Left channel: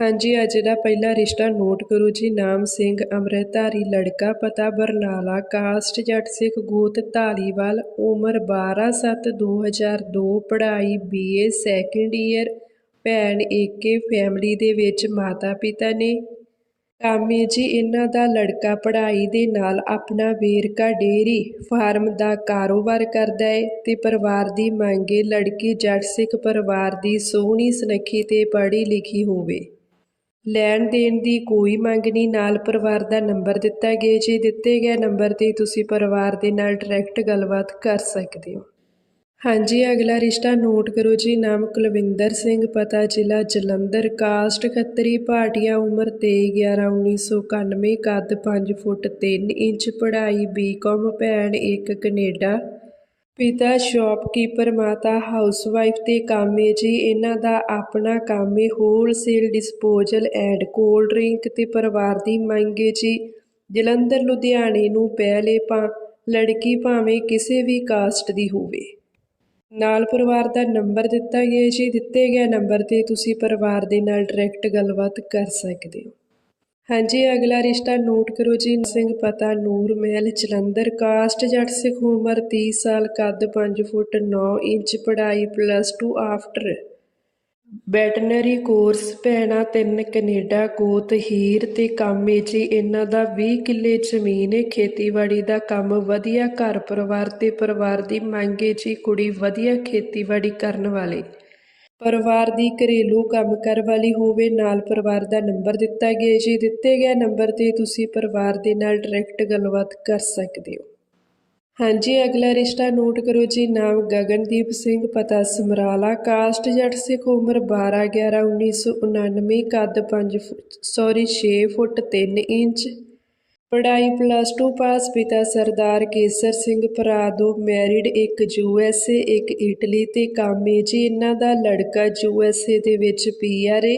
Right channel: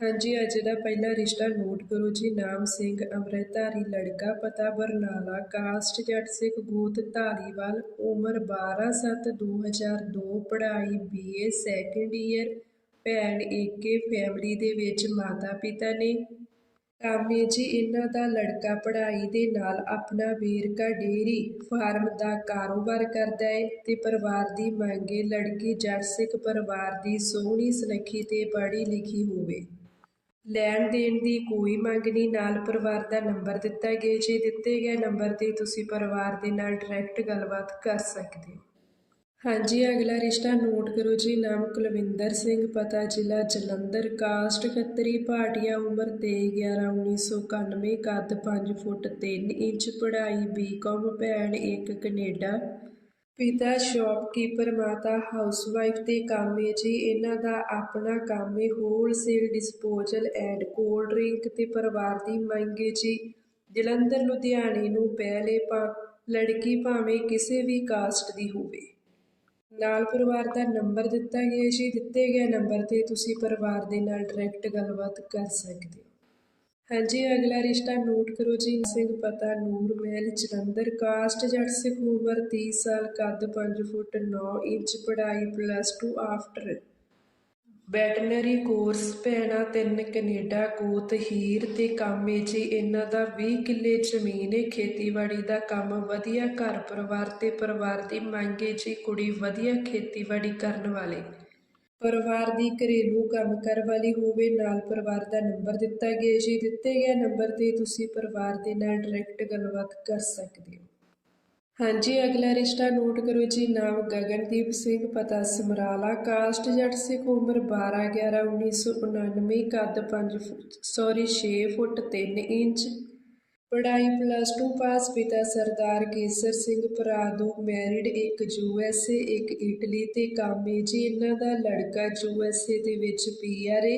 ਹਾਂਜੀ, ਅੱਜ ਦਾ ਪਹਿਲਾ ਰਿਸ਼ਤਾ ਨੋਟ ਕਰੋ ਜੀ। ਨਾਮ ਸਿੰਘ, ਅੰਮ੍ਰਿਤਧਾਰੀ, ਲੜਕਾ, ਪਤਾ ਬਰਨਾਲਾ, ਕਾਸਟ ਜੱਟ ਸਿੱਖ ਗੋਤ ਧਾਲੀਵਾਲ, ਉਮਰ 12/7/2002 ਪੜ੍ਹਾਈ ਬੀਏ ਸੈਕੰਡ ਈਅਰ ਭੈਣ ਏਕੇ ਫੈਮਿਲੀ ਦੇ ਵਿੱਚ ਮਾਤਾ ਪਿਤਾ ਨੇ। ਕਾਮੇ ਜੀ ਇਹਨਾਂ ਦਾ ਲੜਕਾ ਪੜ੍ਹਾਈ ਦੇ ਨਾਲ ਆਪਣਾ ਵੇਰਕਾ ਡੇਰੀ ਫਾਰਮ ਦਾ ਕਾਰੋਬਾਰ ਕਰਦਾ ਏ ਤੇ ਪਰਿਵਾਰ ਦੀ ਮੰਗੇ ਲੜਕੀ ਜੱਟ ਸਿੱਖ ਪਰਿਵਾਰ ਦੀ ਸੋਹਣੀ ਸੁਨੱਖੀ ਤੇ ਪੜ੍ਹੀ ਲਿਖੀ ਹੋਵੇ। ਲੈਣ ਦੇਣ ਦੀ ਕੋਈ ਮੰਗ ਨਹੀਂ। ਨਾਲ ਪਰਿਵਾਰ ਦਾ ਨੰਬਰ ਦਿੱਤਾ ਗਿਆ। ਜੀ ਦਿੱਤੇ ਗਏ ਨੰਬਰ ਤੇ ਤੁਸੀਂ ਪਰਿਵਾਰ ਦੇ ਨਾਲ ਡਾਇਰੈਕਟ ਗੱਲਬਾਤ ਕਰ ਸਕਦੇ ਹੋ। ਹਾਂਜੀ, ਅਗਲਾ ਰਿਸ਼ਤਾ ਨੋਟ ਕਰੋ ਜੀ। ਨਾਮ ਕੁਲਵਿੰਦਰ ਸਿੰਘ, ਪਤਾ ਜ਼ਿਲ੍ਹਾ ਜਲੰਧਰ। ਕਾਸਟ ਖੱਤਰੀ ਭਾਟੀਆ ਉਮਰ 23/11/1991 ਕੱਦ 5 ਫੁੱਟ 3 ਇੰਚ, ਪੜ੍ਹਾਈ ਬੀਕਾਮ ਭੈਣ ਇੱਕ ਕੈਨੇਡਾ ਪਿਤਾ, ਸ਼ਾਪਕੀਪਰ, ਮਾਤਾ, ਹਾਊਸਵਾਈਫ ਤੇ ਕਾਮੇ ਜੀ, ਇਹਨਾਂ ਦਾ ਆਪਣਾ ਕੰਮ ਹੈ wholesale disposal and cold drink ਤੇ ਪਰਿਵਾਰ ਦੀ ਮੰਗ ਮੰਗੇ ਜੀ। ਜਲੰਧਰ, ਲੁਧਿਆਣੇ ਨੂੰ ਪਹਿਲੇ ਪਾ, ਲੜਕੀ ਭਾਵੇਂ ਕਿਸੇ ਵੀ ਕਾਸਟ ਦੀ ਹੋਵੇ। ਨਾਲ ਪਰਿਵਾਰ ਦਾ ਨੰਬਰ ਦਿੱਤਾ ਗਿਆ ਜੀ। ਦਿੱਤੇ ਗਏ ਨੰਬਰ ਤੇ ਤੁਸੀਂ ਪਰਿਵਾਰ ਦੇ ਨਾਲ ਡਾਇਰੈਕਟ ਗੱਲਬਾਤ ਕਰ ਸਕਦੇ ਹੋ। ਹਾਂਜੀ, ਅਗਲਾ ਰਿਸ਼ਤਾ ਨੋਟ ਕਰੋ ਜੀ। ਸਿੰਘ ਪਤਾ, ਨੂਰ ਮਹਿਲ, ਜਲੰਧਰ। ਕਾਸਟ ਜੱਟ ਸਿੱਖ ਉਮਰ 30 ਸਾਲ, ਕੱਦ 5 ਫੁੱਟ 9 ਇੰਚ, ਪੜ੍ਹਾਈ ਪਲੱਸ 2 ਆਫਟਰ ਵੈਟਨਰੀ ਕੋਰਸ ਭੈਣਾ ਤਿੰਨ, ਕੈਨੇਡਾ ਕੋਤ ਹੀਰ ਤੇ ਕਾਮੇ ਜੀ। ਇਹਨਾਂ ਦਾ 20 ਕਿੱਲੇ ਜ਼ਮੀਨ ਹੈ ਖੇਤੀਬਾੜੀ ਦਾ ਕੰਮ ਵਧੀਆ ਘਰ ਪਰਿਵਾਰ ਤੇ ਪਰਿਵਾਰ ਦੀ ਮੰਗੇ ਜੀ। ਕੁੜੀ ਵਧੀਆ ਖੇਤੀਬਾੜੀ ਕਰਨ ਵਾਲੇ। ਪਰਿਵਾਰ ਦੀ ਘਰੇਲੂ ਕੰਮ ਕਰ ਵਾਲੀ ਹੋਵੇ, ਨਾਲ ਪਰਿਵਾਰ ਦਾ ਨੰਬਰ ਦਿੱਤਾ ਗਿਆ ਜੀ। ਦਿੱਤੇ ਗਏ ਨੰਬਰ ਤੇ ਤੁਸੀਂ ਪਰਿਵਾਰ ਦੇ ਨਾਲ ਡਾਇਰੈਕਟ ਗੱਲਬਾਤ ਕਰ ਸਕਦੇ ਹੋ। ਹਾਂਜੀ, ਅਗਲਾ ਰਿਸ਼ਤਾ ਨੋਟ ਕਰੋ ਜੀ। ਨਾਮ ਗਗਨਦੀਪ ਸਿੰਘ, ਪਤਾ ਸਮਰਾਲਾ, ਕਾਸਟ ਜੱਟ ਸਿੱਖ, ਉਮਰ 12 11 1999 ਕੱਦ 5 ਸੌਰੀ 6 ਫੁੱਟ 3 ਇੰਚ। ਪੜ੍ਹਾਈ ਪਲੱਸ ਟੂ ਪਾਸ ਪਿਤਾ ਸਰਦਾਰ ਕੇਸਰ ਸਿੰਘ ਭਰਾ ਦੋ ਮੈਰਿਡ ਇੱਕ ਯੂ ਐੱਸ ਏ ਇੱਕ ਇਟਲੀ ਤੇ ਕਾਮੇ ਜੀ। ਇਹਨਾਂ ਦਾ ਲੜਕਾ ਯੂ ਐੱਸ ਏ ਦੇ ਵਿੱਚ ਪੀ ਆਰ ਏ।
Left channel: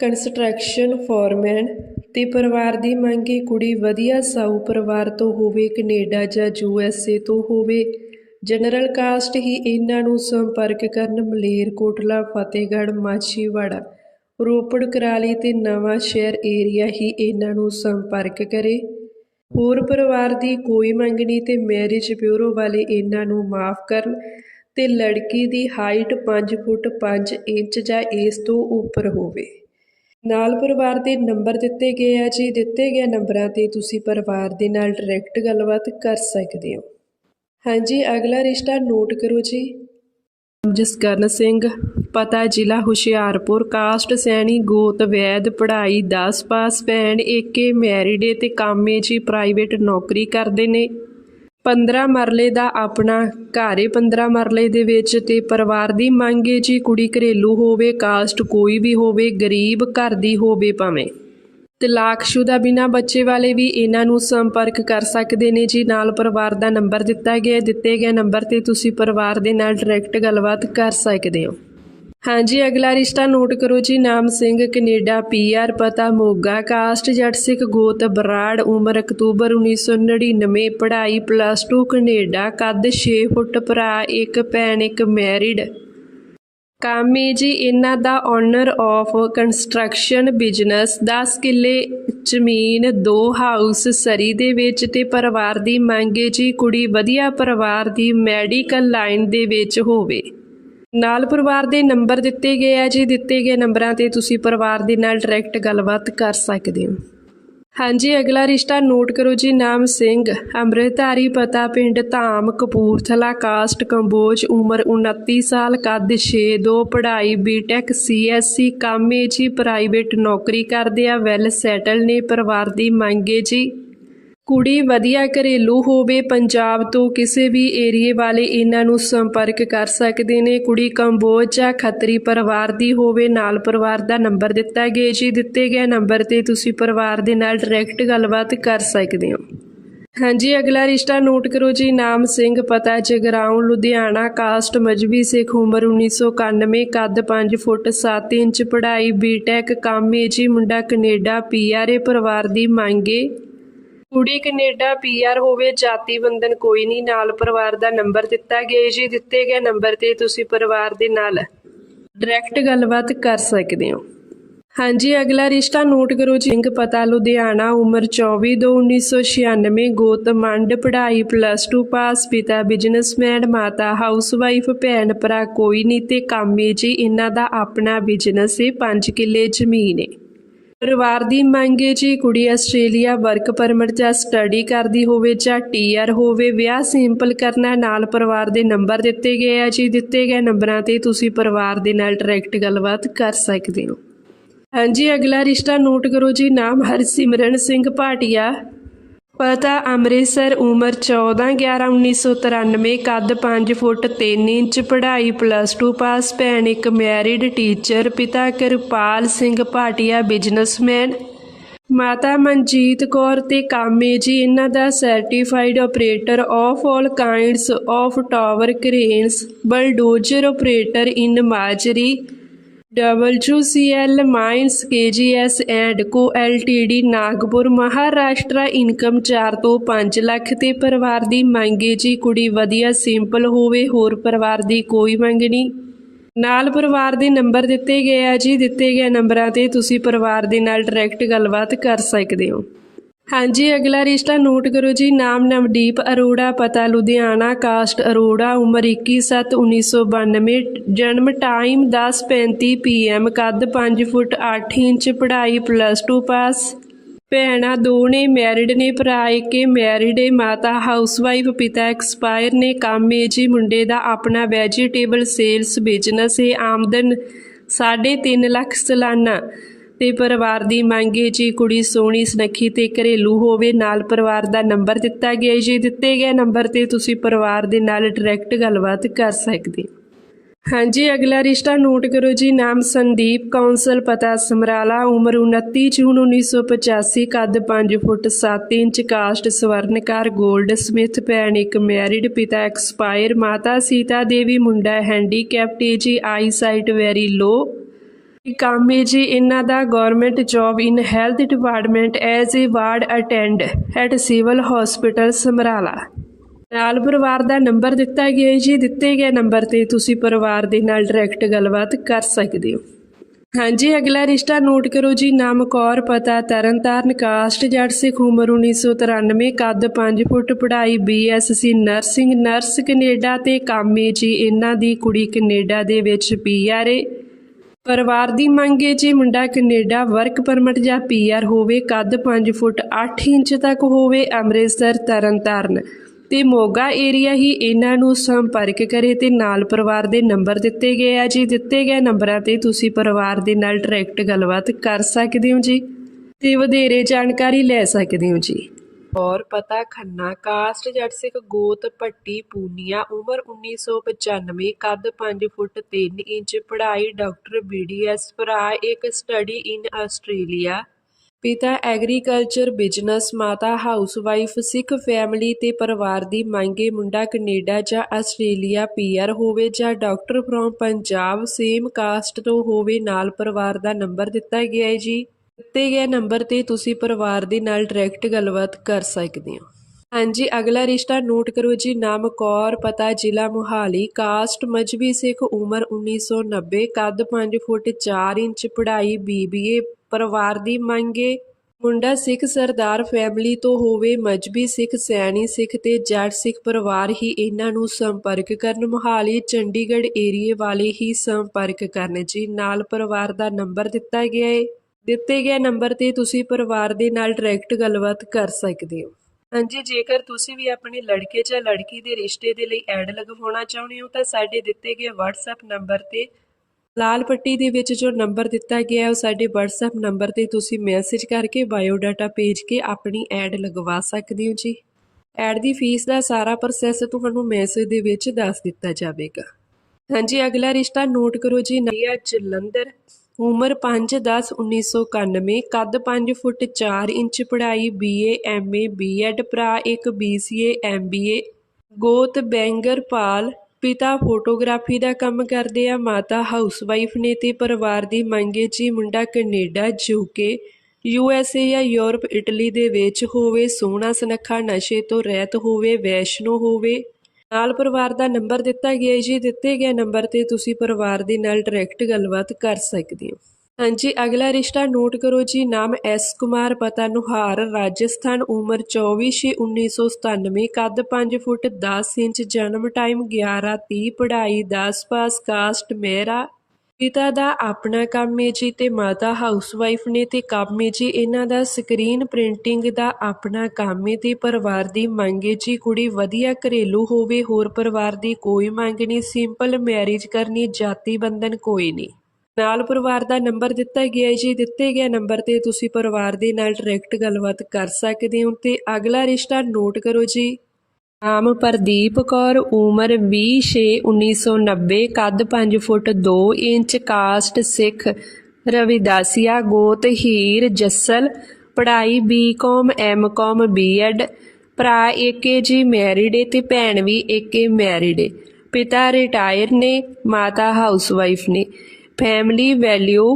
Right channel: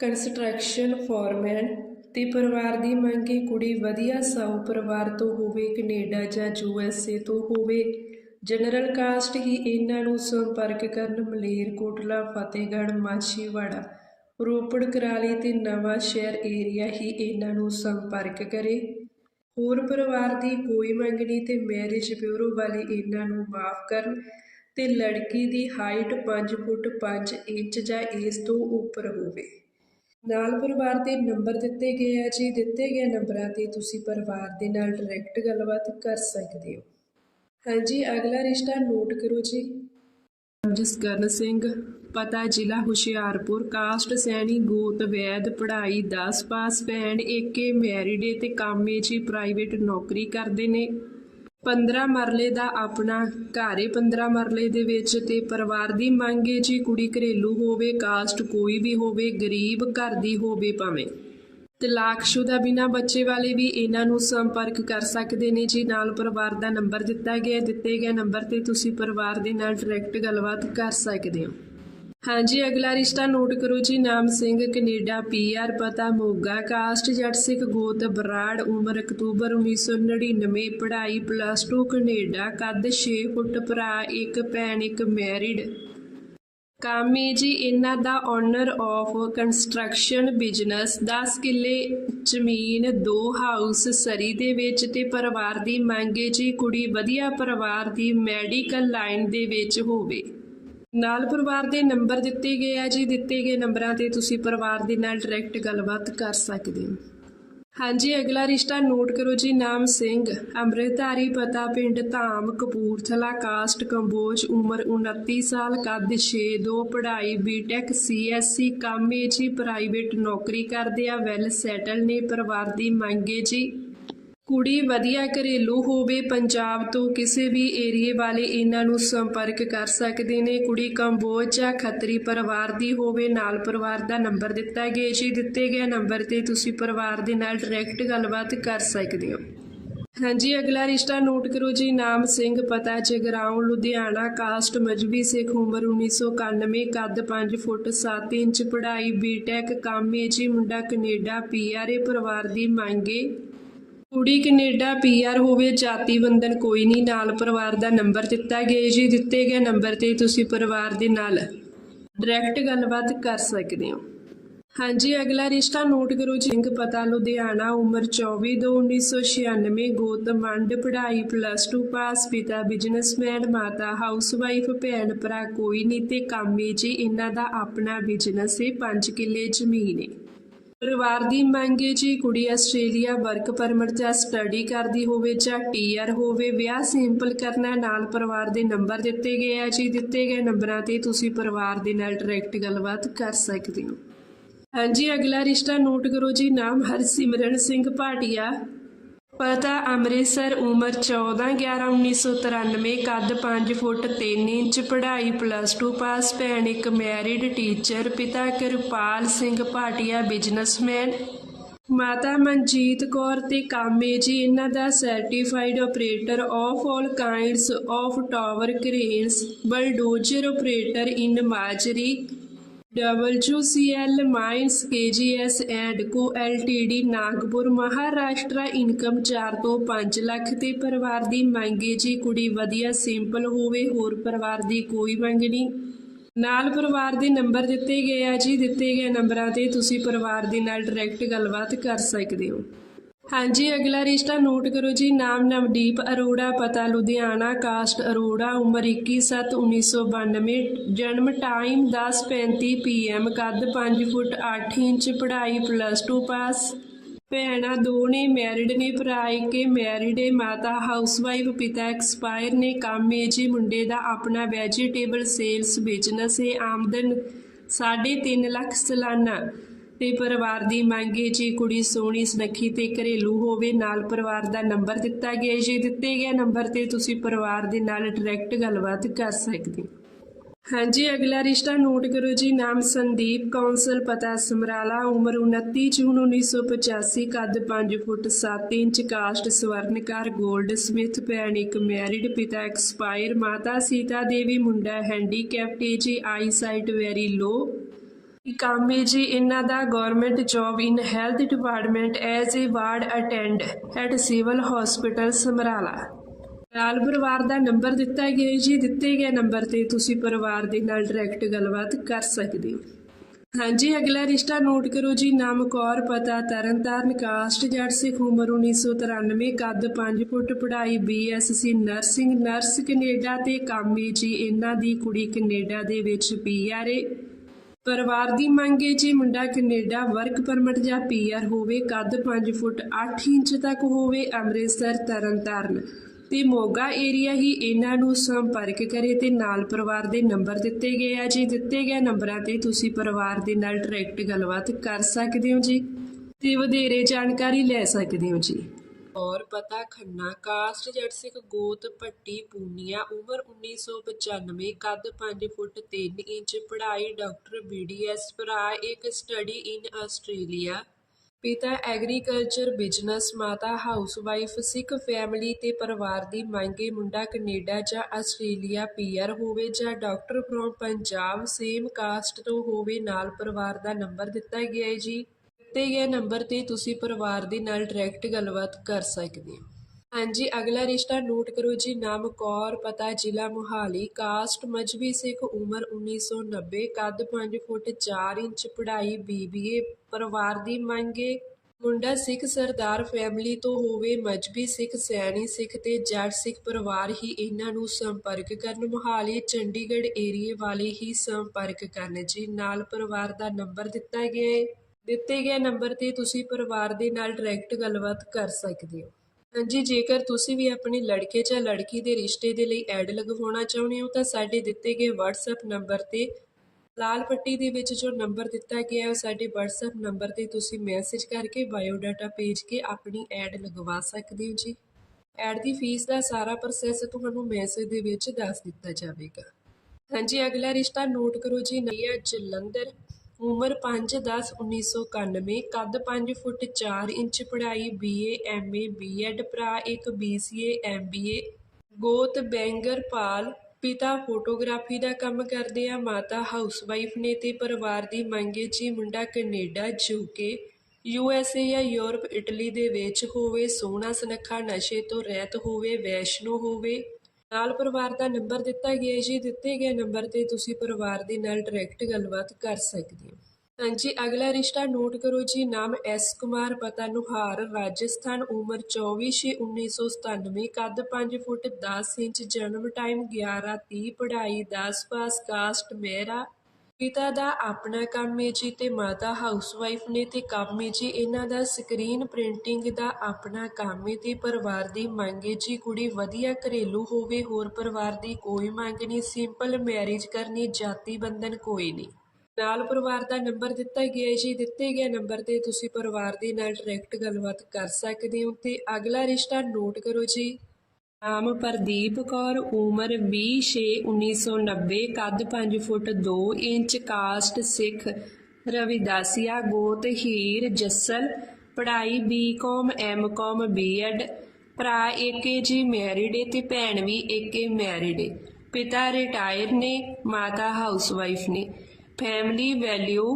ਕੰਸਟਰਕਸ਼ਨ ਫੋਰਮੈਨ ਤੇ ਪਰਿਵਾਰ ਦੀ ਮੰਗ ਹੈ ਕੁੜੀ ਵਧੀਆ ਸਾਊ ਪਰਿਵਾਰ ਤੋਂ ਹੋਵੇ, ਕੈਨੇਡਾ ਜਾਂ ਯੂ ਐੱਸ ਏ ਤੋਂ ਹੋਵੇ। ਜਨਰਲ ਕਾਸਟ ਹੀ ਇਹਨਾਂ ਨੂੰ ਸੰਪਰਕ ਕਰਨ ਮਲੇਰਕੋਟਲਾ, ਫਤਿਹਗੜ੍ਹ, ਮਾਛੀਵਾੜਾ। ਰੋਪੜ ਕਰਾਲੀ ਤੇ ਨਵਾਂ ਸ਼ਹਿਰ ਏਰੀਆ ਹੀ ਇਹਨਾਂ ਨੂੰ ਸੰਪਰਕ ਕਰੇ। ਹੋਰ ਪਰਿਵਾਰ ਦੀ ਕੋਈ ਮੰਗ ਨਹੀਂ ਤੇ ਮੈਰਿਜ ਬਿਊਰੋ ਵਾਲੇ ਇਹਨਾਂ ਨੂੰ ਮਾਫ ਕਰਨ ਤੇ ਲੜਕੀ ਦੀ ਹਾਈਟ 5 ਫੁੱਟ 5 ਇੰਚ ਜਾਂ ਇਸ ਤੋਂ ਉੱਪਰ ਹੋਵੇ। ਨਾਲ ਪਰਿਵਾਰ ਦੇ ਨੰਬਰ ਦਿੱਤੇ ਗਏ ਆ ਜੀ। ਦਿੱਤੇ ਗਏ ਨੰਬਰਾਂ ਤੇ ਤੁਸੀਂ ਪਰਿਵਾਰ ਦੇ ਨਾਲ ਡਾਇਰੈਕਟ ਗੱਲਬਾਤ ਕਰ ਸਕਦੇ ਹੋ। ਹਾਂਜੀ, ਅਗਲਾ ਰਿਸ਼ਤਾ ਨੋਟ ਕਰੋ ਜੀ। ਜਸਕਰਨ ਸਿੰਘ, ਪਤਾ ਜ਼ਿਲ੍ਹਾ ਹੁਸ਼ਿਆਰਪੁਰ, ਕਾਸਟ ਸੈਣੀ, ਗੋਤ, ਵੈਦ, ਪੜ੍ਹਾਈ 10 ਪਾਸ ਭੈਣ, ਏਕੇ, ਮੈਰਿਡ ਤੇ ਕਾਮੇ ਜੀ, ਪ੍ਰਾਈਵੇਟ ਨੌਕਰੀ ਕਰਦੇ ਨੇ। 15 ਮਰਲੇ ਦਾ ਆਪਣਾ ਘਰ ਏ 15 ਮਰਲੇ ਦੇ ਵਿੱਚ ਤੇ ਪਰਿਵਾਰ ਦੀ ਮੰਗ ਮੰਗੇ ਜੀ, ਕੁੜੀ ਘਰੇਲੂ ਹੋਵੇ, ਕਾਸਟ ਕੋਈ ਵੀ ਹੋਵੇ, ਗਰੀਬ ਘਰ ਦੀ ਹੋਵੇ ਭਾਵੇਂ। ਤਲਾਕਸ਼ੁਦਾ ਬਿਨਾ ਬੱਚੇ ਵਾਲੇ ਵੀ ਇਹਨਾਂ ਨੂੰ ਸੰਪਰਕ ਕਰ ਸਕਦੇ ਨੇ। ਜੀ, ਨਾਲ ਪਰਿਵਾਰ ਦਾ ਨੰਬਰ ਦਿੱਤਾ ਗਿਆ ਦਿੱਤੇ ਗਏ ਨੰਬਰ ਤੇ ਤੁਸੀਂ ਪਰਿਵਾਰ ਦੇ ਨਾਲ ਡਾਇਰੈਕਟ ਗੱਲਬਾਤ ਕਰ ਸਕਦੇ ਹੋ। ਹਾਂਜੀ, ਅਗਲਾ ਰਿਸ਼ਤਾ ਨੋਟ ਕਰੋ ਜੀ। ਨਾਮ ਸਿੰਘ, ਕੈਨੇਡਾ ਪੀਆਰ ਪਤਾ ਮੋਗਾ, ਕਾਸਟ ਜੱਟ ਸਿੱਖ, ਗੋਤ ਬਰਾੜ, ਉਮਰ ਅਕਤੂਬਰ 1999 ਪੜ੍ਹਾਈ ਪਲੱਸ 2 ਕੈਨੇਡਾ, ਕੱਦ 6 ਫੁੱਟ ਭਰਾ, ਇੱਕ ਭੈਣ, ਇੱਕ ਮੈਰਿਡ ਕਾਮੇ ਜੀ, ਇਹਨਾਂ ਦਾ ਓਨਰ ਆਫ ਕੰਸਟਰਕਸ਼ਨ ਬਿਜ਼ਨਸ 10 ਕਿੱਲੇ ਜ਼ਮੀਨ, ਦੋ ਹਾਊਸ ਸਰੀ ਦੇ ਵਿੱਚ ਤੇ ਪਰਿਵਾਰ ਦੀ ਮੰਗੇ ਜੀ, ਕੁੜੀ ਵਧੀਆ ਪਰਿਵਾਰ ਦੀ ਮੈਡੀਕਲ ਲਾਈਨ ਦੇ ਵਿੱਚ ਹੋਵੇ। ਨਾਲ ਪਰਿਵਾਰ ਦੇ ਨੰਬਰ ਦਿੱਤੇ ਗਏ ਆ ਜੀ, ਦਿੱਤੇ ਗਏ ਨੰਬਰਾਂ ਤੇ ਤੁਸੀਂ ਪਰਿਵਾਰ ਦੇ ਨਾਲ ਡਾਇਰੈਕਟ ਗੱਲਬਾਤ ਕਰ ਸਕਦੇ ਹੋ। ਹਾਂਜੀ, ਅਗਲਾ ਰਿਸ਼ਤਾ ਨੋਟ ਕਰੋ ਜੀ, ਨਾਮ ਸਿੰਘ, ਅੰਮ੍ਰਿਤਧਾਰੀ, ਪਤਾ ਪਿੰਡ ਧਾਮ, ਕਪੂਰਥਲਾ, ਕਾਸਟ, ਕੰਬੋਜ, ਉਮਰ 29 ਸਾਲ, ਕੱਦ 6'2 ਪੜ੍ਹਾਈ ਬੀਟੈਕ ਸੀਐਸਸੀ ਕਾਮੇ ਜੀ ਪ੍ਰਾਈਵੇਟ ਨੌਕਰੀ ਕਰਦੇ ਆ ਵੈਲ ਸੈਟਲ ਨੇ, ਪਰਿਵਾਰ ਦੀ ਮੰਗੇ ਜੀ। ਕੁੜੀ ਵਧੀਆ ਘਰੇਲੂ ਹੋਵੇ, ਪੰਜਾਬ ਤੋਂ ਕਿਸੇ ਵੀ ਏਰੀਏ ਵਾਲੇ ਇਹਨਾਂ ਨੂੰ ਸੰਪਰਕ ਕਰ ਸਕਦੇ ਨੇ। ਕੁੜੀ ਕੰਬੋਜ ਜਾਂ ਖੱਤਰੀ ਪਰਿਵਾਰ ਦੀ ਹੋਵੇ, ਨਾਲ ਪਰਿਵਾਰ ਦਾ ਨੰਬਰ ਦਿੱਤਾ ਗਿਆ ਜੀ, ਦਿੱਤੇ ਗਏ ਨੰਬਰ ਤੇ ਤੁਸੀਂ ਪਰਿਵਾਰ ਦੇ ਨਾਲ ਡਾਇਰੈਕਟ ਗੱਲਬਾਤ ਕਰ ਸਕਦੇ ਹੋ। ਹਾਂਜੀ, ਅਗਲਾ ਰਿਸ਼ਤਾ ਨੋਟ ਕਰੋ ਜੀ। ਨਾਮ ਸਿੰਘ, ਪਤਾ ਜਗਰਾਉਂ, ਲੁਧਿਆਣਾ, ਕਾਸਟ, ਮਜਬੀ ਸਿੱਖ, ਉਮਰ 1991 ਕੱਦ 5 ਫੁੱਟ 7 ਇੰਚ, ਪੜ੍ਹਾਈ ਬੀਟੈਕ, ਕਾਮੇ ਜੀ, ਮੁੰਡਾ ਕੈਨੇਡਾ ਪੀਆਰਏ ਪਰਿਵਾਰ ਦੀ ਮੰਗੇ ਕੁੜੀ ਕੈਨੇਡਾ ਪੀਆਰ ਹੋਵੇ, ਜਾਤੀ ਬੰਧਨ ਕੋਈ ਨਹੀਂ, ਨਾਲ ਪਰਿਵਾਰ ਦਾ ਨੰਬਰ ਦਿੱਤਾ ਗਿਆ ਜੀ। ਦਿੱਤੇ ਗਏ ਨੰਬਰ ਤੇ ਤੁਸੀਂ ਪਰਿਵਾਰ ਦੇ ਨਾਲ ਡਾਇਰੈਕਟ ਗੱਲਬਾਤ ਕਰ ਸਕਦੇ ਹੋ। ਹਾਂਜੀ, ਅਗਲਾ ਰਿਸ਼ਤਾ ਨੋਟ ਕਰੋ ਜਿੰਗ ਪਤਾ, ਲੁਧਿਆਣਾ, ਉਮਰ 24 ਦੋ 1996 ਗੋਤ ਮੰਡ, ਪੜ੍ਹਾਈ ਪਲੱਸ 2 ਪਾਸ ਪਿਤਾ ਬਿਜ਼ਨਸਮੈਨ ਮਾਤਾ ਹਾਊਸਵਾਈਫ ਭੈਣ ਭਰਾ ਕੋਈ ਨਹੀਂ ਤੇ ਕਾਮੇ ਜੀ, ਇਹਨਾਂ ਦਾ ਆਪਣਾ ਬਿਜ਼ਨਸ ਹੈ 5 ਕਿੱਲੇ ਜ਼ਮੀਨ ਹੈ ਪਰਿਵਾਰ ਦੀ ਮੰਗ ਹੈ ਜੀ, ਕੁੜੀ ਆਸਟ੍ਰੇਲੀਆ ਵਰਕ ਪਰਮਿਟ ਜਾਂ ਸਟੱਡੀ ਕਰਦੀ ਹੋਵੇ ਜਾਂ ਟੀਆਰ ਹੋਵੇ, ਵਿਆਹ ਸਿੰਪਲ ਕਰਨਾ ਨਾਲ ਪਰਿਵਾਰ ਦੇ ਨੰਬਰ ਦਿੱਤੇ ਗਏ ਆ ਜੀ, ਦਿੱਤੇ ਗਏ ਨੰਬਰਾਂ ਤੇ ਤੁਸੀਂ ਪਰਿਵਾਰ ਦੇ ਨਾਲ ਡਾਇਰੈਕਟ ਗੱਲਬਾਤ ਕਰ ਸਕਦੇ ਹੋ। ਹਾਂਜੀ, ਅਗਲਾ ਰਿਸ਼ਤਾ ਨੋਟ ਕਰੋ ਜੀ, ਨਾਮ ਹਰਸਿਮਰਨ ਸਿੰਘ ਭਾਟੀਆ। ਪਤਾ ਅੰਮ੍ਰਿਤਸਰ ਉਮਰ 14 11 1993 ਕੱਦ 5 ਫੁੱਟ 3 ਇੰਚ, ਪੜ੍ਹਾਈ ਪਲੱਸ 2 ਪਾਸ, ਭੈਣ ਇੱਕ ਮੈਰਿਡ ਟੀਚਰ ਪਿਤਾ ਕਿਰਪਾਲ ਸਿੰਘ ਭਾਟੀਆ ਬਿਜ਼ਨਸਮੈਨ ਮਾਤਾ ਮਨਜੀਤ ਕੌਰ ਤੇ ਕਾਮੇ ਜੀ, ਇਹਨਾਂ ਦਾ certified operator of all kinds of tower cranes bulldozer operator in Majri WCL mines KGS and co LTD Nagpur Maharashtra income 4 ਤੋਂ 5 ਲੱਖ ਤੇ ਪਰਿਵਾਰ ਦੀ ਮੰਗੇ ਜੀ। ਕੁੜੀ ਵਧੀਆ ਸਿੰਪਲ ਹੋਵੇ, ਹੋਰ ਪਰਿਵਾਰ ਦੀ ਕੋਈ ਮੰਗ ਨਹੀਂ। ਨਾਲ ਪਰਿਵਾਰ ਦੇ ਨੰਬਰ ਦਿੱਤੇ ਗਏ ਆ ਜੀ। ਦਿੱਤੇ ਗਏ ਨੰਬਰਾਂ ਤੇ ਤੁਸੀਂ ਪਰਿਵਾਰ ਦੇ ਨਾਲ ਡਾਇਰੈਕਟ ਗੱਲਬਾਤ ਕਰ ਸਕਦੇ ਹੋ। ਹਾਂਜੀ, ਅਗਲਾ ਰਿਸ਼ਤਾ ਨੋਟ ਕਰੋ ਜੀ। ਨਾਮ ਨਵਦੀਪ ਅਰੋੜਾ, ਪਤਾ ਲੁਧਿਆਣਾ, ਕਾਸਟ ਅਰੋੜਾ, ਉਮਰ 21/7/1992 ਜਨਮ ਟਾਈਮ 10:35 ਪੀਐਮ ਕੱਦ 5 ਫੁੱਟ 8 ਇੰਚ, ਪੜ੍ਹਾਈ ਪਲੱਸ 2 ਪਾਸ ਭੈਣਾਂ ਦੋ ਨੇ ਮੈਰਿਡ ਨੇ, ਭਰਾ ਇੱਕ ਮੈਰਿਡ ਹੈ ਮਾਤਾ ਹਾਊਸਵਾਈਫ ਪਿਤਾ ਐਕਸਪਾਇਰ ਨੇ। ਕੰਮ ਹੈ ਜੀ, ਮੁੰਡੇ ਦਾ ਆਪਣਾ ਵੈਜੀਟੇਬਲ ਸੇਲਸ ਬਿਜ਼ਨਸ ਹੈ ਆਮਦਨ 3.5 ਲੱਖ ਸਾਲਾਨਾ। ਤੇ ਪਰਿਵਾਰ ਦੀ ਮੰਗ ਮੰਗੇ ਜੀ, ਕੁੜੀ ਸੋਹਣੀ, ਸੁਨੱਖੀ ਤੇ ਘਰੇਲੂ ਹੋਵੇ, ਨਾਲ ਪਰਿਵਾਰ ਦਾ ਨੰਬਰ ਦਿੱਤਾ ਗਿਆ ਜੀ। ਦਿੱਤੇ ਗਏ ਨੰਬਰ ਤੇ ਤੁਸੀਂ ਪਰਿਵਾਰ ਦੇ ਨਾਲ ਡਾਇਰੈਕਟ ਗੱਲਬਾਤ ਕਰ ਸਕਦੇ। ਹਾਂਜੀ, ਅਗਲਾ ਰਿਸ਼ਤਾ ਨੋਟ ਕਰੋ ਜੀ। ਨਾਮ ਸੰਦੀਪ, ਕੌਂਸਲ ਪਤਾ ਸਮਰਾਲਾ, ਉਮਰ 29 ਜੂਨ 1985 ਕੱਦ 5 ਫੁੱਟ 7 ਇੰਚ, ਕਾਸਟ ਸਵਰਨਕਾਰ 골ਡ ਸਮਿਥ, ਭੈਣ ਇੱਕ ਮੈਰਿਡ ਪਿਤਾ ਐਕਸਪਾਇਰ ਮਾਤਾ ਸੀਤਾ ਦੇਵੀ, ਮੁੰਡਾ ਹੈਂਡੀਕੈਪਟ ਹੈ ਜੀ ਆਈਸਾਈਟ ਵੈਰੀ ਲੋ ਕਾਮੇ ਜੀ, ਇਹਨਾਂ ਦਾ government job in health department as a ward attend at civil hospital Samrala. ਨਾਲ ਪਰਿਵਾਰ ਦਾ ਨੰਬਰ ਦਿੱਤਾ ਗਿਆ ਜੀ, ਦਿੱਤੇ ਗਏ ਨੰਬਰ ਤੇ ਤੁਸੀਂ ਪਰਿਵਾਰ ਦੇ ਨਾਲ ਡਾਇਰੈਕਟ ਗੱਲਬਾਤ ਕਰ ਸਕਦੇ ਹੋ। ਹਾਂਜੀ, ਅਗਲਾ ਰਿਸ਼ਤਾ ਨੋਟ ਕਰੋ ਜੀ, ਨਾਮ ਕੌਰ, ਪਤਾ ਤਰਨਤਾਰਨ, ਕਾਸਟ ਜੱਟ, ਸਿੱਖ ਉਮਰ 1993 ਕੱਦ 5 ਫੁੱਟ, ਪੜ੍ਹਾਈ ਬੀਐਸਸੀ ਨਰਸਿੰਗ, ਨਰਸ ਕੈਨੇਡਾ ਤੇ ਕਾਮੇ ਜੀ, ਇਹਨਾਂ ਦੀ ਕੁੜੀ ਕੈਨੇਡਾ ਦੇ ਵਿੱਚ ਪੀਆਰਏ ਪਰਿਵਾਰ ਦੀ ਮੰਗ ਹੈ, ਜੇ ਮੁੰਡਾ ਕੈਨੇਡਾ ਵਰਕ ਪਰਮਿਟ ਜਾਂ ਪੀਆਰ ਹੋਵੇ, ਕੱਦ 5 ਫੁੱਟ 8 ਇੰਚ ਤੱਕ ਹੋਵੇ, ਅੰਮ੍ਰਿਤਸਰ, ਤਰਨਤਾਰਨ। ਤੇ ਮੋਗਾ ਏਰੀਆ ਹੀ ਇਹਨਾਂ ਨੂੰ ਸੰਪਰਕ ਕਰੇ ਤੇ ਨਾਲ ਪਰਿਵਾਰ ਦੇ ਨੰਬਰ ਦਿੱਤੇ ਗਏ ਆ ਜੀ। ਦਿੱਤੇ ਗਏ ਨੰਬਰਾਂ ਤੇ ਤੁਸੀਂ ਪਰਿਵਾਰ ਦੇ ਨਾਲ ਡਾਇਰੈਕਟ ਗੱਲਬਾਤ ਕਰ ਸਕਦੇ ਹੋ ਜੀ ਤੇ ਵਧੇਰੇ ਜਾਣਕਾਰੀ ਲੈ ਸਕਦੇ ਹੋ ਜੀ। ਔਰ ਪਤਾ ਖੰਨਾ, ਕਾਸਟ ਜੱਟ ਸਿੱਖ ਗੋਤ ਪੱਟੀ ਪੂਨੀਆ, ਉਮਰ 1995 ਕੱਦ 5 ਫੁੱਟ 3 ਇੰਚ, ਪੜ੍ਹਾਈ ਡਾਕਟਰ ਬੀਡੀਐਸ ਭਰਾ, ਇੱਕ ਸਟੱਡੀ ਇਨ ਆਸਟ੍ਰੇਲੀਆ। ਪਿਤਾ ਐਗਰੀਕਲਚਰ ਬਿਜ਼ਨਸ, ਮਾਤਾ ਹਾਊਸਵਾਈਫ, ਸਿੱਖ ਫੈਮਿਲੀ ਤੇ ਪਰਿਵਾਰ ਦੀ ਮੰਗੇ ਮੁੰਡਾ ਕੈਨੇਡਾ ਜਾਂ ਆਸਟ੍ਰੇਲੀਆ ਪੀਆਰ ਹੋਵੇ ਜਾਂ doctor from Punjab, same caste ਤੋਂ ਹੋਵੇ, ਨਾਲ ਪਰਿਵਾਰ ਦਾ ਨੰਬਰ ਦਿੱਤਾ ਗਿਆ ਹੈ ਜੀ। ਦਿੱਤੇ ਗਏ ਨੰਬਰ ਤੇ ਤੁਸੀਂ ਪਰਿਵਾਰ ਦੇ ਨਾਲ ਡਾਇਰੈਕਟ ਗੱਲਬਾਤ ਕਰ ਸਕਦੇ ਹੋ। ਹਾਂਜੀ, ਅਗਲਾ ਰਿਸ਼ਤਾ ਨੋਟ ਕਰੋ ਜੀ। ਨਾਮ ਕੌਰ, ਪਤਾ ਜ਼ਿਲ੍ਹਾ ਮੁਹਾਲੀ। ਕਾਸਟ ਮਜਬੀ ਸਿੱਖ ਉਮਰ 1990 ਕੱਦ 5 ਫੁੱਟ 4 ਇੰਚ, ਪੜ੍ਹਾਈ ਬੀਬੀਏ ਪਰਿਵਾਰ ਦੀ ਮੰਗੇ ਮੁੰਡਾ ਸਿੱਖ ਸਰਦਾਰ ਫੈਮਿਲੀ ਤੋਂ ਹੋਵੇ, ਮਜਬੀ ਸਿੱਖ ਸੈਣੀ ਸਿੱਖ ਤੇ ਜੱਟ ਸਿੱਖ ਪਰਿਵਾਰ ਹੀ ਇਹਨਾਂ ਨੂੰ ਸੰਪਰਕ ਕਰਨ। ਮੁਹਾਲੀ, ਚੰਡੀਗੜ੍ਹ ਏਰੀਏ ਵਾਲੇ ਹੀ ਸੰਪਰਕ ਕਰਨ ਜੀ। ਨਾਲ ਪਰਿਵਾਰ ਦਾ ਨੰਬਰ ਦਿੱਤਾ ਗਿਆ ਹੈ ਦਿੱਤੇ ਗਏ ਨੰਬਰ ਤੇ ਤੁਸੀਂ ਪਰਿਵਾਰ ਦੇ ਨਾਲ ਡਾਇਰੈਕਟ ਗੱਲਬਾਤ ਕਰ ਸਕਦੇ ਹੋ। ਹਾਂਜੀ, ਜੇਕਰ ਤੁਸੀਂ ਵੀ ਆਪਣੇ ਲੜਕੇ ਜਾਂ ਲੜਕੀ ਦੇ ਰਿਸ਼ਤੇ ਦੇ ਲਈ ਐਡ ਲਗਵਾਉਣਾ ਚਾਹੁੰਦੇ ਹੋ, ਤਾਂ ਸਾਡੇ ਦਿੱਤੇ ਗਏ WhatsApp ਨੰਬਰ ਤੇ ਲਾਲ ਪੱਟੀ ਦੇ ਵਿੱਚ ਜੋ ਨੰਬਰ ਦਿੱਤਾ ਗਿਆ ਹੈ ਉਹ ਸਾਡੇ WhatsApp ਨੰਬਰ ਤੇ ਤੁਸੀਂ ਮੈਸੇਜ ਕਰਕੇ ਬਾਇਓ ਡਾਟਾ ਭੇਜ ਕੇ ਆਪਣੀ ਐਡ ਲਗਵਾ ਸਕਦੇ ਹੋ ਜੀ। ਐਡ ਦੀ ਫੀਸ ਦਾ ਸਾਰਾ ਪ੍ਰੋਸੈਸ ਤੁਹਾਨੂੰ ਮੈਸੇਜ ਦੇ ਵਿੱਚ ਦੱਸ ਦਿੱਤਾ ਜਾਵੇਗਾ। ਹਾਂਜੀ, ਅਗਲਾ ਰਿਸ਼ਤਾ ਨੋਟ ਕਰੋ ਜੀ, ਨਈਆ ਜਲੰਧਰ। ਉਮਰ 5/10/1991 ਕੱਦ 5 ਫੁੱਟ 4 ਇੰਚ, ਪੜ੍ਹਾਈ ਬੀਏ ਐਮਏ ਬੀਐਡ ਭਰਾ ਇੱਕ ਬੀਸੀਏ ਐਮਬੀਏ ਗੋਤ ਬੈਂਗਰਪਾਲ, ਪਿਤਾ ਫੋਟੋਗ੍ਰਾਫੀ ਦਾ ਕੰਮ ਕਰਦੇ ਆ, ਮਾਤਾ ਹਾਊਸਵਾਈਫ ਨੇ ਤੇ ਪਰਿਵਾਰ ਦੀ ਮੰਗ ਮੰਗੇ ਜੀ ਮੁੰਡਾ ਕੈਨੇਡਾ ਯੂਕੇ ਯੂਐਸਏ ਜਾਂ ਯੂਰਪ, ਇਟਲੀ ਦੇ ਵਿੱਚ ਹੋਵੇ, ਸੋਹਣਾ ਸੁਨੱਖਾ, ਨਸ਼ੇ ਤੋਂ ਰਹਿਤ ਹੋਵੇ, ਵੈਸ਼ਨੋ ਹੋਵੇ। ਨਾਲ ਪਰਿਵਾਰ ਦਾ ਨੰਬਰ ਦਿੱਤਾ ਗਿਆ ਜੀ। ਦਿੱਤੇ ਗਏ ਨੰਬਰ ਤੇ ਤੁਸੀਂ ਪਰਿਵਾਰ ਦੇ ਨਾਲ ਡਾਇਰੈਕਟ ਗੱਲਬਾਤ ਕਰ ਸਕਦੇ ਹੋ। ਹਾਂਜੀ, ਅਗਲਾ ਰਿਸ਼ਤਾ ਨੋਟ ਕਰੋ ਜੀ। ਨਾਮ ਐਸ ਕੁਮਾਰ, ਪਤਾ ਨੁਹਾਰ, ਰਾਜਸਥਾਨ, ਉਮਰ 24/1997 ਕੱਦ 5 ਫੁੱਟ 10 ਇੰਚ, ਜਨਮ ਟਾਈਮ 11:30 ਪੜ੍ਹਾਈ 10 ਪਾਸ ਕਾਸਟ, ਮਹਿਰਾ ਪਿਤਾ ਦਾ ਆਪਣਾ ਕੰਮ ਹੈ ਜੀ ਤੇ ਮਾਤਾ ਹਾਊਸਵਾਈਫ ਨੇ ਤੇ ਕੰਮ ਹੈ ਜੀ। ਇਹਨਾਂ ਦਾ ਸਕਰੀਨ ਪ੍ਰਿੰਟਿੰਗ ਦਾ ਆਪਣਾ ਕੰਮ ਹੈ ਤੇ ਪਰਿਵਾਰ ਦੀ ਮੰਗ ਹੈ ਜੀ। ਕੁੜੀ ਵਧੀਆ ਘਰੇਲੂ ਹੋਵੇ, ਹੋਰ ਪਰਿਵਾਰ ਦੀ ਕੋਈ ਮੰਗ ਨਹੀਂ। ਸਿੰਪਲ ਮੈਰਿਜ ਕਰਨੀ, ਜਾਤੀ ਬੰਧਨ ਕੋਈ ਨਹੀਂ। ਨਾਲ ਪਰਿਵਾਰ ਦਾ ਨੰਬਰ ਦਿੱਤਾ ਗਿਆ ਹੈ ਜੀ। ਦਿੱਤੇ ਗਏ ਨੰਬਰ ਤੇ ਤੁਸੀਂ ਪਰਿਵਾਰ ਦੇ ਨਾਲ ਡਾਇਰੈਕਟ ਗੱਲਬਾਤ ਕਰ ਸਕਦੇ ਹੋ ਤੇ ਅਗਲਾ ਰਿਸ਼ਤਾ ਨੋਟ ਕਰੋ ਜੀ। ਨਾਮ ਪ੍ਰਦੀਪ ਕੌਰ, ਉਮਰ 20/6/1990 ਕੱਦ 5 foot 2 inch, caste Sikh, Ravidasia, ਗੋਤ, ਹੀਰ, ਜੱਸਲ, ਪੜ੍ਹਾਈ ਬੀਕਾਮ ਐਮਕਾਮ ਬੀਐਡ ਭਰਾ ਏਕੇ ਜੀ ਮੈਰਿਡ ਏ ਤੇ ਭੈਣ ਵੀ ਏਕੇ ਮੈਰਿਡ ਏ। ਪਿਤਾ ਰਿਟਾਇਰ ਨੇ, ਮਾਤਾ ਹਾਊਸਵਾਈਫ ਨੇ। Family value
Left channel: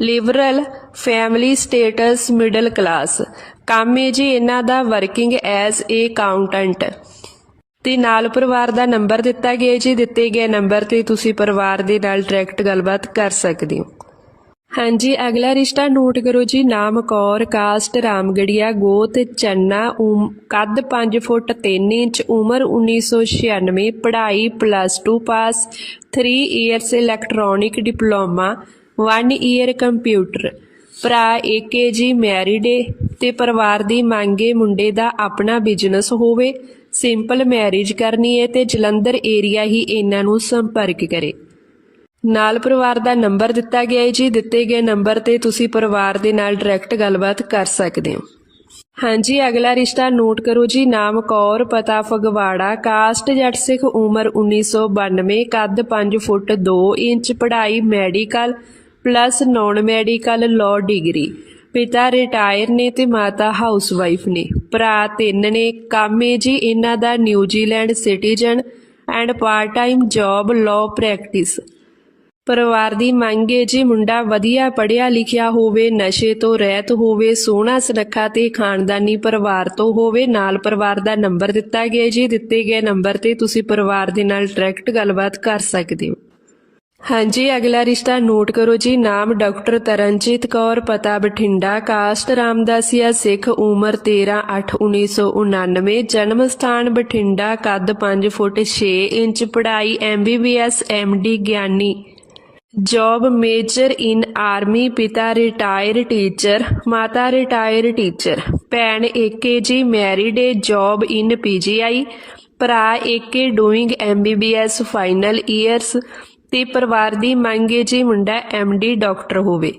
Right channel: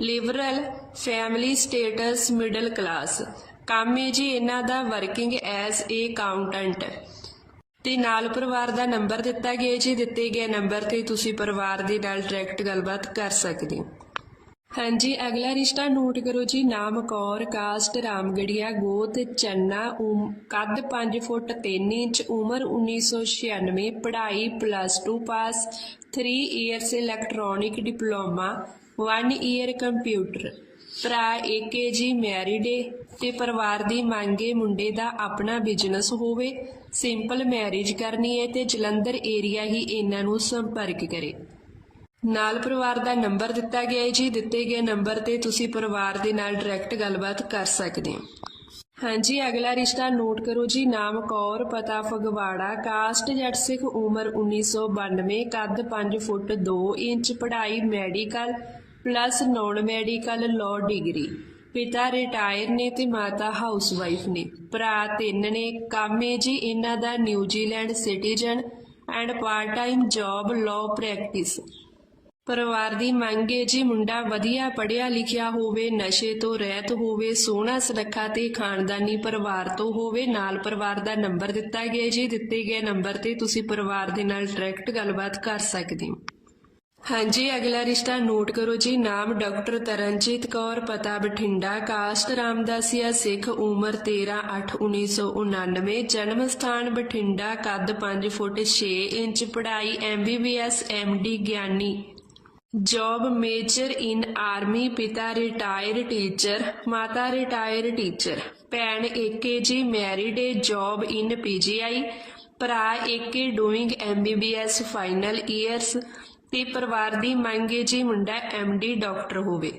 liberal family status middle class ਕੰਮ ਹੈ ਜੀ, ਇਹਨਾਂ ਦਾ ਵਰਕਿੰਗ ਐਜ਼ ਏ ਅਕਾਊਂਟੈਂਟ ਤੇ ਨਾਲ ਪਰਿਵਾਰ ਦਾ ਨੰਬਰ ਦਿੱਤਾ ਗਿਆ ਜੀ, ਦਿੱਤੇ ਗਏ ਨੰਬਰ ਤੇ ਤੁਸੀਂ ਪਰਿਵਾਰ ਦੇ ਨਾਲ ਡਾਇਰੈਕਟ ਗੱਲਬਾਤ ਕਰ ਸਕਦੇ ਹੋ। ਹਾਂਜੀ, ਅਗਲਾ ਰਿਸ਼ਤਾ ਨੋਟ ਕਰੋ ਜੀ, ਨਾਮ ਕੌਰ ਕਾਸਟ ਰਾਮਗੜੀਆ, ਗੋਤ, ਚੰਨਾ, ਉਮ- ਕੱਦ 5 ਫੁੱਟ 3 ਇੰਚ, ਉਮਰ 1996 ਪੜ੍ਹਾਈ plus 2 pass 3 years electronic diploma 1 year computer ਭਰਾ ਏਕੇ ਜੀ ਮੈਰਿਡ ਏ ਤੇ ਪਰਿਵਾਰ ਦੀ ਮੰਗੇ ਮੁੰਡੇ ਦਾ ਆਪਣਾ ਬਿਜ਼ਨਸ ਹੋਵੇ ਸਿੰਪਲ ਮੈਰਿਜ ਕਰਨੀ ਹੈ ਤੇ ਜਲੰਧਰ ਏਰੀਆ ਹੀ ਇਹਨਾਂ ਨੂੰ ਸੰਪਰਕ ਕਰੇ। ਨਾਲ ਪਰਿਵਾਰ ਦਾ ਨੰਬਰ ਦਿੱਤਾ ਗਿਆ ਹੈ ਜੀ, ਦਿੱਤੇ ਗਏ ਨੰਬਰ ਤੇ ਤੁਸੀਂ ਪਰਿਵਾਰ ਦੇ ਨਾਲ ਡਾਇਰੈਕਟ ਗੱਲਬਾਤ ਕਰ ਸਕਦੇ ਹੋ। ਹਾਂਜੀ, ਅਗਲਾ ਰਿਸ਼ਤਾ ਨੋਟ ਕਰੋ ਜੀ, ਨਾਮ ਕੌਰ, ਪਤਾ ਫਗਵਾੜਾ, ਕਾਸਟ ਜੱਟ ਸਿੱਖ ਉਮਰ 1992 ਕੱਦ 5 ਫੁੱਟ 2 ਇੰਚ, ਪੜ੍ਹਾਈ medical plus non medical law degree. ਪਿਤਾ ਰਿਟਾਇਰ ਨੇ ਤੇ ਮਾਤਾ ਹਾਊਸਵਾਈਫ ਨੇ। ਭਰਾ ਤਿੰਨ ਨੇ। ਕੰਮ ਹੈ ਜੀ ਇਹਨਾਂ ਦਾ New Zealand citizen and part time job law practice. ਪਰਿਵਾਰ ਦੀ ਮੰਗ ਹੈ ਜੀ ਮੁੰਡਾ ਵਧੀਆ ਪੜ੍ਹਿਆ ਲਿਖਿਆ ਹੋਵੇ, ਨਸ਼ੇ ਤੋਂ ਰਹਿਤ ਹੋਵੇ, ਸੋਹਣਾ ਸੁਨੱਖਾ ਤੇ ਖਾਨਦਾਨੀ ਪਰਿਵਾਰ ਤੋਂ ਹੋਵੇ, ਨਾਲ ਪਰਿਵਾਰ ਦਾ ਨੰਬਰ ਦਿੱਤਾ ਗਿਆ ਜੀ। ਦਿੱਤੇ ਗਏ ਨੰਬਰ ਤੇ ਤੁਸੀਂ ਪਰਿਵਾਰ ਦੇ ਨਾਲ ਡਾਇਰੈਕਟ ਗੱਲਬਾਤ ਕਰ ਸਕਦੇ ਹੋ। ਹਾਂਜੀ, ਅਗਲਾ ਰਿਸ਼ਤਾ ਨੋਟ ਕਰੋ ਜੀ। ਨਾਮ ਡਾਕਟਰ ਤਰਨਜੀਤ ਕੌਰ, ਪਤਾ ਬਠਿੰਡਾ, ਕਾਸਟ ਰਾਮਦਾਸੀਆ ਸਿੱਖ, ਉਮਰ 13/8/1999 ਜਨਮ ਸਥਾਨ ਬਠਿੰਡਾ, ਕੱਦ 5 ਫੁੱਟ 6 ਇੰਚ, ਪੜ੍ਹਾਈ ਐਮਬੀਬੀਐਸ ਐਮਡੀ ਗਿਆਨੀ। ਜੌਬ ਮੇਜਰ ਇਨ ਆਰਮੀ, ਪਿਤਾ ਰਿਟਾਇਰ ਟੀਚਰ, ਮਾਤਾ ਰਿਟਾਇਰ ਟੀਚਰ। ਭੈਣ ਏਕੇ ਜੀ, married A, job in PGI ਭਰਾ ਏਕੇ, ਡੂਇੰਗ ਐਮਬੀਬੀਐਸ ਫਾਈਨਲ ਈਅਰਸ। ਤੇ ਪਰਿਵਾਰ ਦੀ ਮੰਗ ਹੈ ਜੀ ਮੁੰਡਾ ਐਮਡੀ ਡਾਕਟਰ ਹੋਵੇ।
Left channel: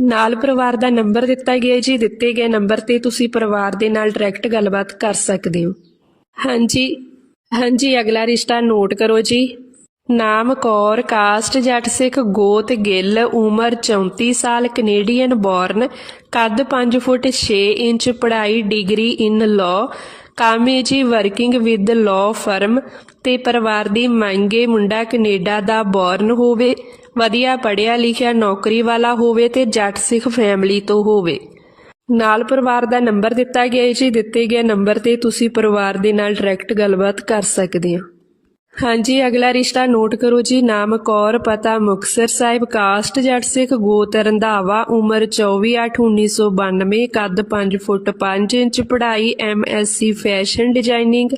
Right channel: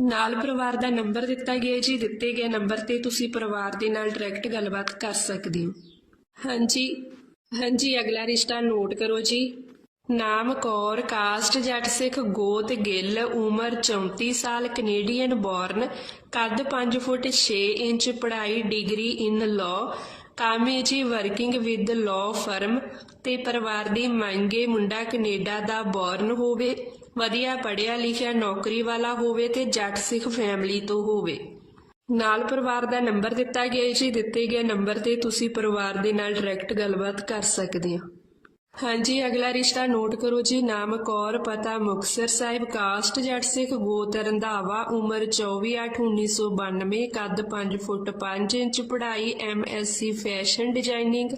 ਨਾਲ ਪਰਿਵਾਰ ਦਾ ਨੰਬਰ ਦਿੱਤਾ ਗਿਆ ਜੀ। ਦਿੱਤੇ ਗਏ ਨੰਬਰ ਤੇ ਤੁਸੀਂ ਪਰਿਵਾਰ ਦੇ ਨਾਲ ਡਾਇਰੈਕਟ ਗੱਲਬਾਤ ਕਰ ਸਕਦੇ ਹੋ। ਹਾਂਜੀ ਹਾਂਜੀ, ਅਗਲਾ ਰਿਸ਼ਤਾ ਨੋਟ ਕਰੋ ਜੀ। ਨਾਮ ਕੌਰ, ਕਾਸਟ ਜੱਟ ਸਿੱਖ, ਗੋਤ ਗਿੱਲ, ਉਮਰ 34 ਸਾਲ ਕੈਨੇਡੀਅਨ ਬੋਰਨ ਕੱਦ 5 ਫੁੱਟ 6 ਇੰਚ, ਪੜ੍ਹਾਈ ਡਿਗਰੀ ਇਨ ਲਾਅ ਕਾਮੇ ਜੀ ਵਰਕਿੰਗ ਵਿਦ ਲਾਅ ਫਰਮ ਤੇ ਪਰਿਵਾਰ ਦੀ ਮੰਗੇ ਮੁੰਡਾ ਕੈਨੇਡਾ ਦਾ ਬੋਰਨ ਹੋਵੇ, ਵਧੀਆ ਪੜ੍ਹਿਆ ਲਿਖਿਆ ਨੌਕਰੀ ਵਾਲਾ ਹੋਵੇ ਤੇ ਜੱਟ ਸਿੱਖ ਫੈਮਿਲੀ ਤੋਂ ਹੋਵੇ। ਨਾਲ ਪਰਿਵਾਰ ਦਾ ਨੰਬਰ ਦਿੱਤਾ ਗਿਆ ਹੈ ਜੀ, ਦਿੱਤੇ ਗਏ ਨੰਬਰ ਤੇ ਤੁਸੀਂ ਪਰਿਵਾਰ ਦੇ ਨਾਲ ਡਾਇਰੈਕਟ ਗੱਲਬਾਤ ਕਰ ਸਕਦੇ ਹੋ। ਹਾਂਜੀ, ਅਗਲਾ ਰਿਸ਼ਤਾ ਨੋਟ ਕਰੋ ਜੀ, ਨਾਮ ਕੌਰ, ਪਤਾ ਮੁਕਤਸਰ ਸਾਹਿਬ ਕਾਸਟ ਜੱਟ ਸਿੱਖ ਗੋਤ ਰੰਧਾਵਾ ਉਮਰ 24/8/1992 ਕੱਦ 5 ਫੁੱਟ 5 ਇੰਚ, ਪੜ੍ਹਾਈ ਐਮਐਸਸੀ ਫੈਸ਼ਨ ਡਿਜ਼ਾਈਨਿੰਗ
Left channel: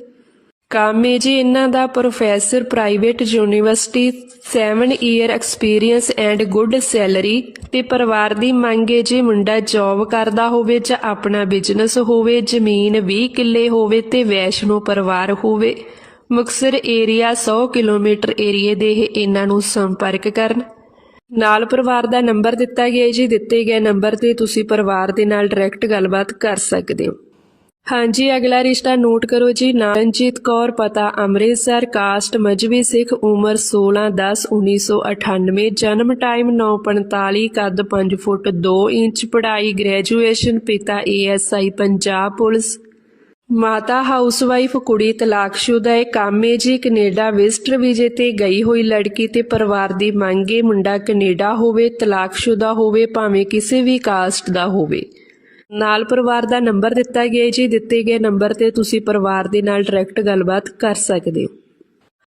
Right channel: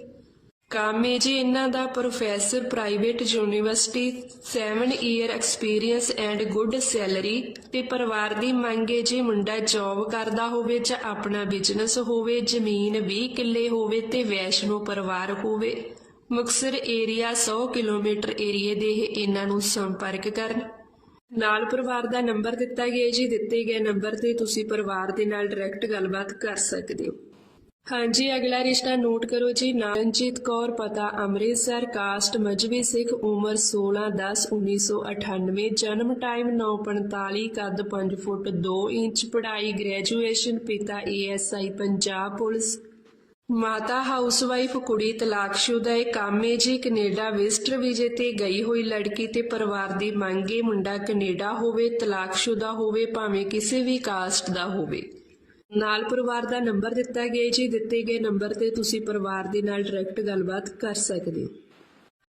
ਕੰਮ ਹੈ ਜੀ, ਇਹਨਾਂ ਦਾ professor private university 7 year experience and good salary ਤੇ ਪਰਿਵਾਰ ਦੀ ਮੰਗ ਹੈ ਜੀ ਮੁੰਡਾ ਜੌਬ ਕਰਦਾ ਹੋਵੇ ਜਾਂ ਆਪਣਾ ਬਿਜ਼ਨਸ ਹੋਵੇ, ਜ਼ਮੀਨ 20 ਕਿੱਲੇ ਹੋਵੇ ਤੇ ਵੈਸ਼ਨੋ ਪਰਿਵਾਰ ਹੋਵੇ। ਮੁਕਸਰ ਏਰੀਆ 100 ਕਿਲੋਮੀਟਰ ਏਰੀਏ ਦੇ ਇਹਨਾਂ ਨੂੰ ਸੰਪਰਕ ਕਰਨ। ਨਾਲ ਪਰਿਵਾਰ ਦਾ ਨੰਬਰ ਦਿੱਤਾ ਗਿਆ ਜੀ, ਦਿੱਤੇ ਗਏ ਨੰਬਰ ਤੇ ਤੁਸੀਂ ਪਰਿਵਾਰ ਦੇ ਨਾਲ ਡਾਇਰੈਕਟ ਗੱਲਬਾਤ ਕਰ ਸਕਦੇ ਹੋ। ਹਾਂਜੀ, ਅਗਲਾ ਰਿਸ਼ਤਾ ਨੋਟ ਕਰੋ ਜੀ। ਨਾਨਜੀਤ ਕੌਰ ਪਤਾ, ਅੰਮ੍ਰਿਤਸਰ, ਕਾਸਟ ਮਜਬੀ ਸਿੱਖ, ਉਮਰ 16 10 1998 ਜਨਮ ਟਾਈਮ 9:45 ਕੱਦ 5 ਫੁੱਟ 2 ਇੰਚ, ਪੜ੍ਹਾਈ, ਗ੍ਰੈਜੂਏਸ਼ਨ, ਪਿਤਾ ਏਐਸਆਈ ਪੰਜਾਬ ਪੁਲਿਸ। ਮਾਤਾ ਹਾਊਸਵਾਈਫ, ਕੁੜੀ ਤਲਾਕਸ਼ੁਦਾ ਹੈ ਕਾਮੇ ਜੀ, ਕੈਨੇਡਾ ਵਿਜ਼ਟਰ ਵੀਜ਼ੇ ਤੇ ਗਈ ਹੋਈ ਲੜਕੀ ਤੇ ਪਰਿਵਾਰ ਦੀ ਮੰਗ ਹੈ, ਮੁੰਡਾ ਕੈਨੇਡਾ ਹੋਵੇ, ਤਲਾਕਸ਼ੁਦਾ ਹੋਵੇ, ਭਾਵੇਂ ਕਿਸੇ ਵੀ ਕਾਸਟ ਦਾ ਹੋਵੇ। ਨਾਲ ਪਰਿਵਾਰ ਦਾ ਨੰਬਰ ਦਿੱਤਾ ਗਿਆ ਜੀ। ਦਿੱਤੇ ਗਏ ਨੰਬਰ ਤੇ ਤੁਸੀਂ ਪਰਿਵਾਰ ਦੇ ਨਾਲ ਡਾਇਰੈਕਟ ਗੱਲਬਾਤ ਕਰ ਸਕਦੇ ਹੋ।